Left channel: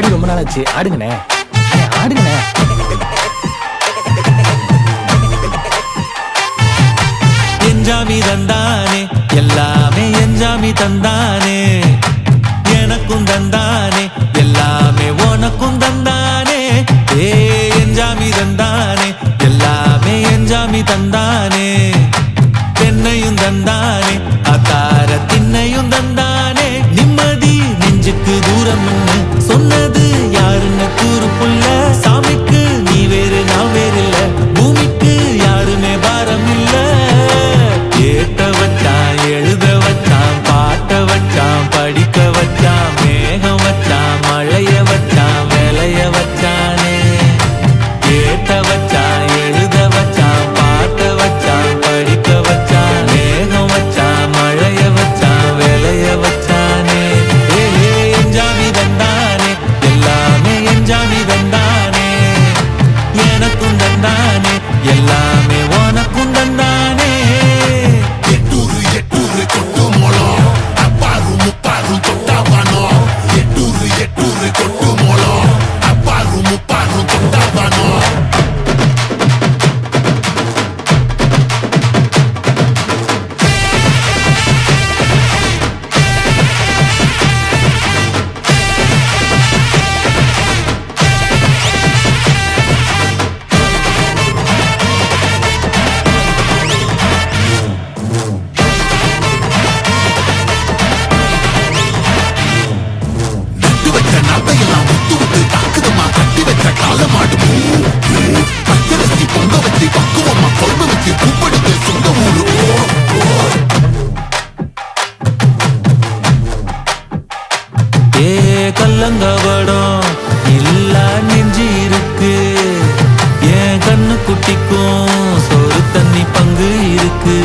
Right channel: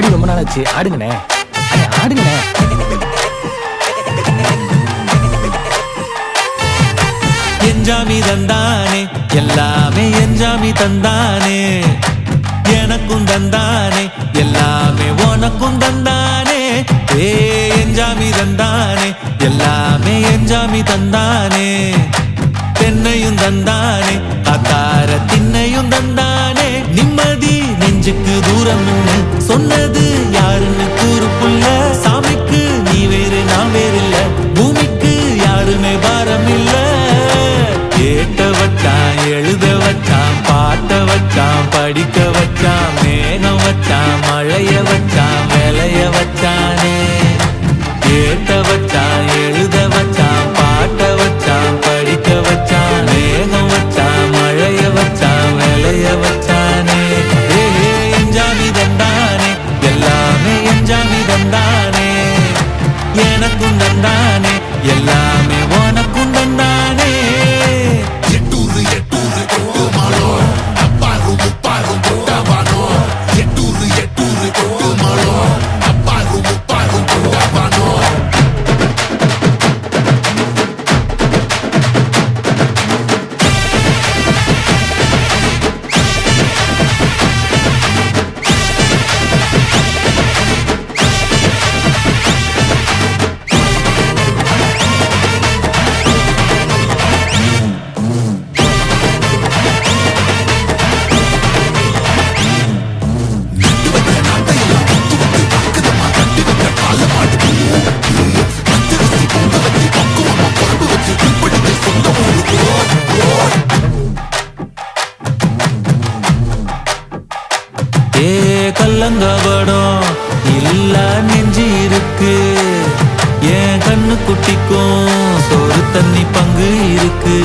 ஆடி ரொம்ப நாள் ஆச்சு, ஆடுங்கண்ணே. அண்ணே ஆடுங்கண்ணே. என்ஜாமி தந்தானே எல்லாமே, என்ஜாமி தந்தானே எனக்கும் தந்தானே எல்லாமே, உனக்கும் தந்தானே. என்ஜாமி தந்தானே எல்லாமே, என்ஜாமி தந்தானே. தென்னையும் தந்தானே, காத்தார திண்ணையும் தந்தானே. நிம்மதி நெஞ்சுக்கு தூரம்னு சொன்னது யாருன்னு கூறு புள்ள. சாமிக்கு நீ வேறு நான் வேறு இல்ல, பூமிக்கு யாருமே பாரம் இல்ல. ஏட்ட வச்சான், எழுத வச்சான், பாட்ட வச்சான், படிக்க வச்சான், மேகம் வச்சான், மழைய வச்சான், விளைய வச்சானே. ஏட்ட வச்சான், எழுத வச்சான், பாட்ட வச்சான், படிக்க வச்சான், மேகம் வச்சான், மழைய வச்சான், விளைய வச்சானே. என்ஜாமி தந்தானே எல்லாமே, என்ஜாமி தந்தானே எனக்கும் தந்தானே எல்லாமே, உனக்கும் தந்தானே. கல்லங்கபடம் இல்ல நெஞ்சு இருக்கு, என் கண்ணு குட்டிக்கும் சோறு தண்ணி பங்கு இருக்கு.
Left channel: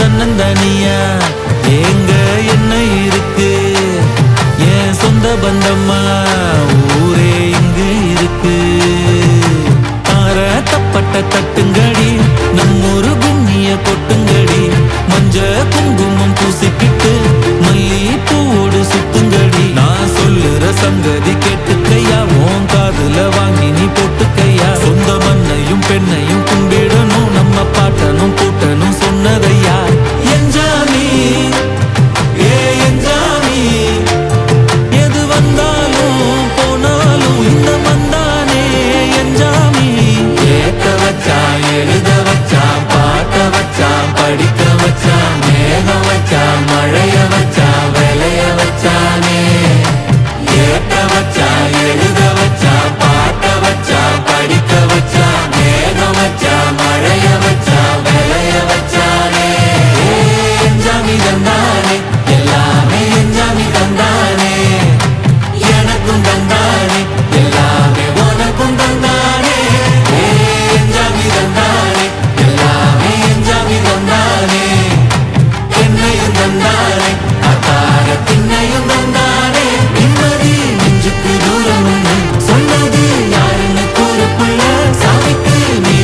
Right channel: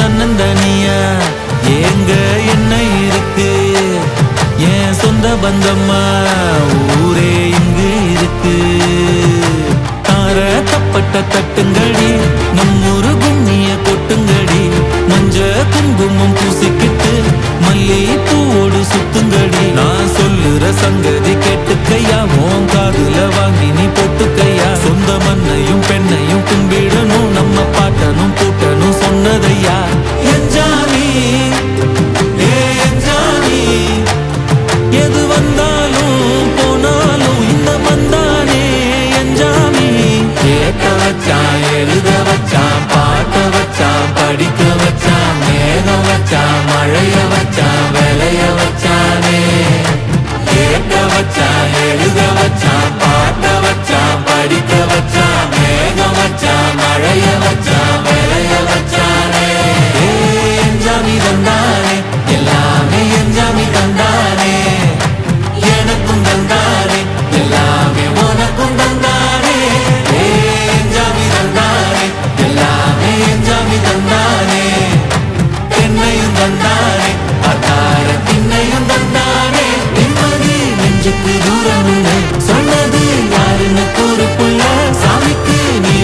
தன்னந்தனியா ஏங்க என்ன இருக்கு, என் சொந்த பந்தம்மா ஊரே இங்கு இருக்கு. தார தப்பட்ட தட்டுங்கடி, நம்மொரு கும்மிய கொட்டுங்கடி. மஞ்ச குங்குமம் பூசிக்கிட்டு மல்லி பூவோடு சுத்துங்கடி. நான் சொல்லுற சங்கதி கேட்டுக்கையா, உன் காதுல வாங்கி நீ போட்டுக்கையா. சொந்த மண்ணையும் பெண்ணையும் கும்பிடணும், நம்ம பாட்டனும் பூட்டனும் சொன்னதையா. என்ஜாமி என்ஜாமி, எது வந்தாலும் போனாலும் இந்த வந்தானே என்ஜாமி. ஏட்ட வச்சான், எழுத வச்சான், பாட்ட வச்சான், படிக்க வச்சான், மேகம் வச்சான், மழைய வச்சான், விளைய வச்சானே. ஏட்ட வச்சான், எழுத வச்சான், பாட்ட வச்சான், படிக்க வச்சான், மேகம் வச்சான், மழைய வச்சான், விளைய வச்சானே. என்ஜாமி தந்தானே எல்லாமே, என்ஜாமி தந்தானே எனக்கும் தந்தானே எல்லாமே, உனக்கும் தந்தானே. என்ஜாமி தந்தானே எல்லாமே, என்ஜாமி தந்தானே. தென்னையும் தந்தானே, காத்தார திண்ணையும் தந்தானே. நிம்மதி நெஞ்சுக்கு தூரம்னு சொன்னது யாருன்னு கூறு புள்ள. சாமிக்கு நீ